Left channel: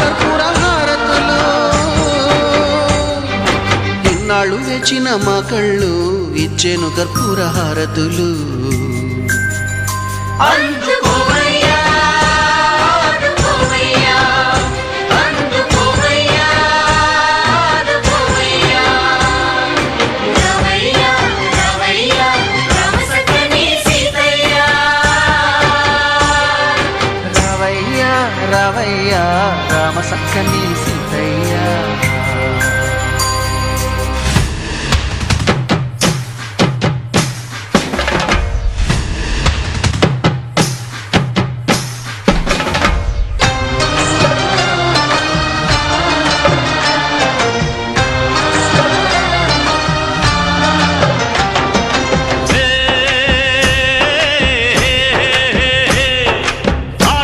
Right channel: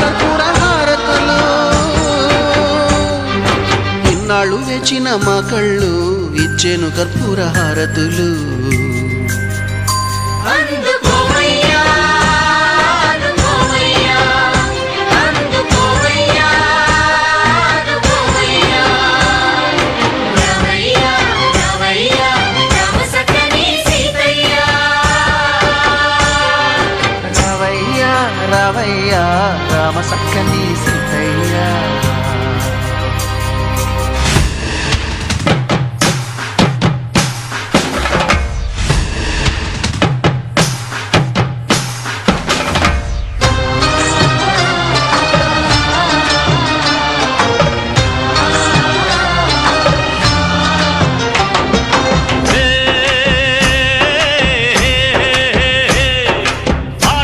కర్పూర హారతులు ఇన్నాళ్ళు వేచిన మా కళ్ళు ఇచ్చేను కర్పూర హారతులు రావయ్యా రావయ్యా రామ సక్కని సీతయ్య